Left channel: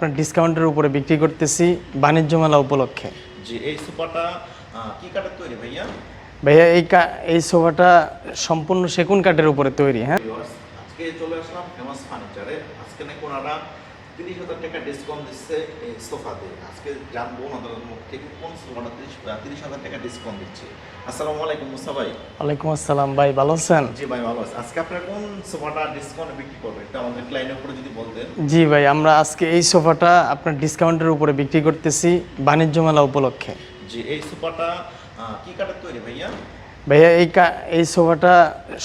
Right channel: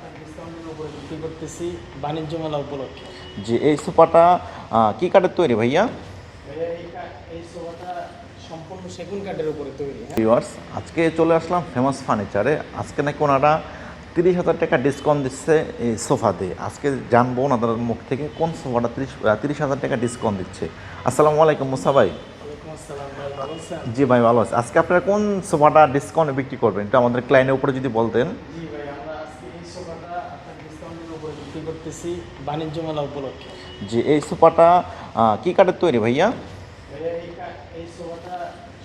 আপনার ডিসকাউন্টের উপরে বিক্রি করতেছি বাণিজ্য মেলা উপলক্ষে। জি, এই সোফাটা কি কাঠের তৈরি ভাইয়া? ভাইয়া এই সোফাটা সম্পূর্ণ সেগুন কাঠের উপরে তৈরি। হ্যাঁ ভিউয়ার্স, আজকে চলে আসলাম ফেমাস ফার্নিচারে। আজকে নাকি ওনারা 30,000 টাকা ডিসকাউন্ট দিচ্ছে এই সোফাতে। আজকে জানবো ওনাদের মুখ থেকে কোন সোফাটা 30,000 টাকা ডিসকাউন্ট দিচ্ছে। আসসালামু আলাইকুম মুসা ভাই। ওয়ালাইকুম আসসালাম ভাই, ভালো আছেন? জি ভাই, ভালো আছে। আজকে আপনারা কোন সোফাটা ডিসকাউন্টে বিক্রি করবেন একটু আমাদের ক্লায়েন্টের উপরে যদি বলতেন। জি ভাই, আমরা আজকে এই সোফাটা আপনার ডিসকাউন্টের উপরে বিক্রি করতেছি বাণিজ্য মেলা উপলক্ষে। জি, এই সোফাটা কি কাঠের তৈরি ভাইয়া? ভাইয়া এই সোফাটা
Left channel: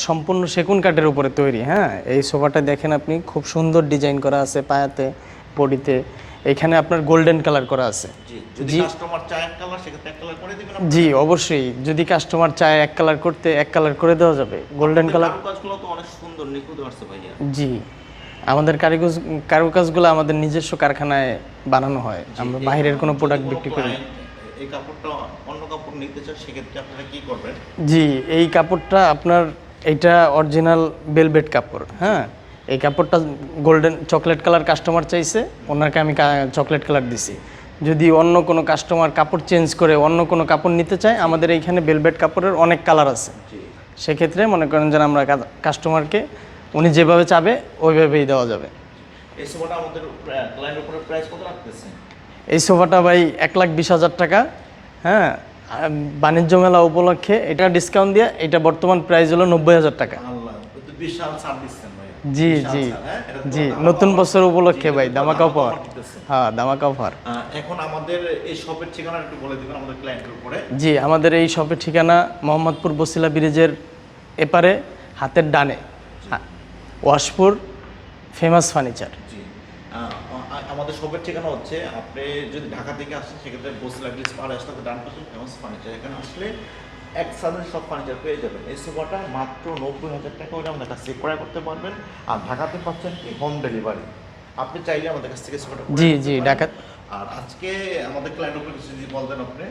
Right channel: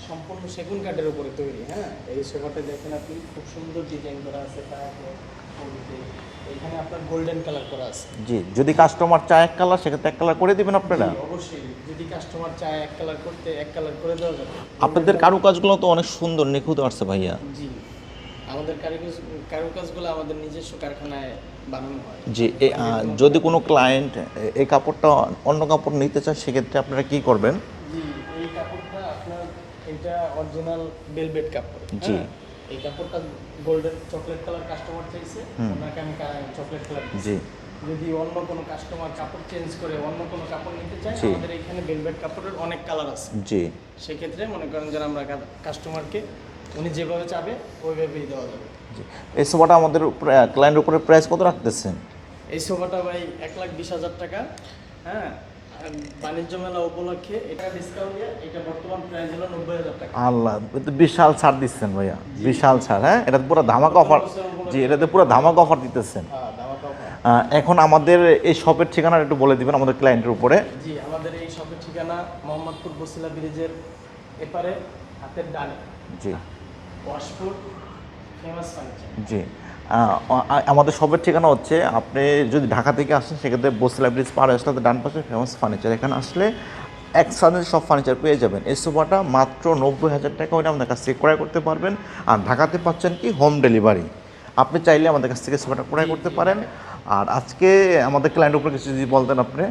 সম্পূর্ণ সেগুন কাঠের উপরে তৈরি। হ্যাঁ, এই সোফাটা দেখেন আপনি, খুব সুন্দর ডিজাইন করা আছে পায়াতে, বডিতে। এখানে আপনার গোল্ডেন কালার করা আছে। জি, যদি কাস্টমার চায় এক কালার সেক্ষেত্রে এক কালার করে দিবেন আপনারা? জি অবশ্যই, যদি কাস্টমার চায় এক কালার করতে এক কালার করে দেওয়া যাবে। Golden colour. কারুকাজগুলো তো অনেক সুন্দর নিখুঁত আসছে ভাইয়া। জি, আমাদের কারুকাজগুলো আমাদের নিজস্ব কারখানায় বানানো হয়। আমরা বাইরের কোনো যদি কোনো ক্লায়েন্ট এই কাপড়টা অন্য কাপড় নিতে চায় সেক্ষেত্রে আপনারা কি করবেন? জি, এই কাপড়টা আপনার এটা অরিজিনাল ভেলভেট কাপড়। হ্যাঁ, এই কাপড়টা গোল্ডেন চকলেট কালার কাস্টমার চাইছে, ওনাকে আমি চকলেট কালার দিছি। যদি অন্য কোনো কাস্টমার কাপড় চেঞ্জ করে অন্য কোনো কাপড় নিতে চায়, আমাদের এইখানে ভেলভেট কাপড়ের অনেক কালার আছে। জি, সেক্ষেত্রে মনে করেন যে আমরা কাস্টমারকে উনি যেভাবে চাবে ওইভাবেই দেওয়া যাবে। এই সোফাটা আমাদের ক্লায়েন্টের উপরে প্রাইস কত রাখতেছেন? এই সোফাটা ভাই 1,20,000 টাকা। হ্যাঁ, বাণিজ্য মেলা উপলক্ষে এটা ডিসকাউন্ট দিয়ে এটা বর্তমান প্রাইস হলো 90,000 টাকা। আল্লাহ, বিশাল ছাড় দিচ্ছেন ভাইয়া। জি, বিশাল ছাড়। হ্যাঁ, এটা পুরো ধামাকা নতুন অফার। বছর উপলক্ষে ভাই ধামাকা অফার দিতেছেন। হ্যাঁ, ধামাকা অফার। এখন আমাদের এই শপের ঠিকানা একটু বলে দিবেন আমাদের ক্লায়েন্টের উপরে। জি, আমাদের এই শপের ঠিকানা মোহাম্মদপুর বসিলা ব্রিজের এপারে হাতের ডানে, জি, ওয়াশপুর ফেমাস ফার্নিচার। জি, আমাদের শপের ঠিকানা হচ্ছে, আপনি যদি ঢাকা থেকে আসেন সেক্ষেত্রে বসিলা ব্রিজ পার আসলে ডান পাশে ফেমাস ফার্নিচার। এখানে আসলে একসাথে সব ফার্নিচার পেয়ে যাবেন। এই সোফাটা মাত্র 90,000 টাকা হলে আমাদের কাছ থেকে ক্রয় করতে পারবেন। আর ঢাকাতে পাচ্ছেন কি হোম ডেলিভারি। আপনি চাইলে আমাদের কাছ থেকে সোফাটা ক্রয় করতে পারেন। আর আজকে আমাদের ক্লায়েন্টের উপরে কিছু যদি বলতেন আপনি।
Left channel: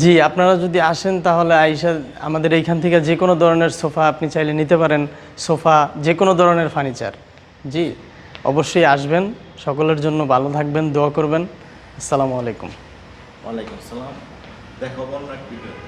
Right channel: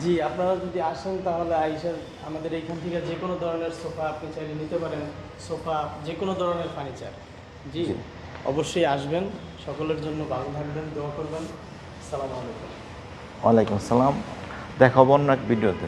জি, আপনারা যদি আসেন তাহলে আইসা আমাদের এইখান থেকে যে কোনো ধরনের সোফা আপনি চাইলে নিতে পারেন। সোফা, যে কোনো ধরনের ফার্নিচার। জি, অবশ্যই আসবেন। সকলের জন্য ভালো থাকবেন, দোয়া করবেন। আসসালামু আলাইকুম। ওয়ালাইকুম আসসালাম। দেখা হবো অন্য এক ভিডিওতে।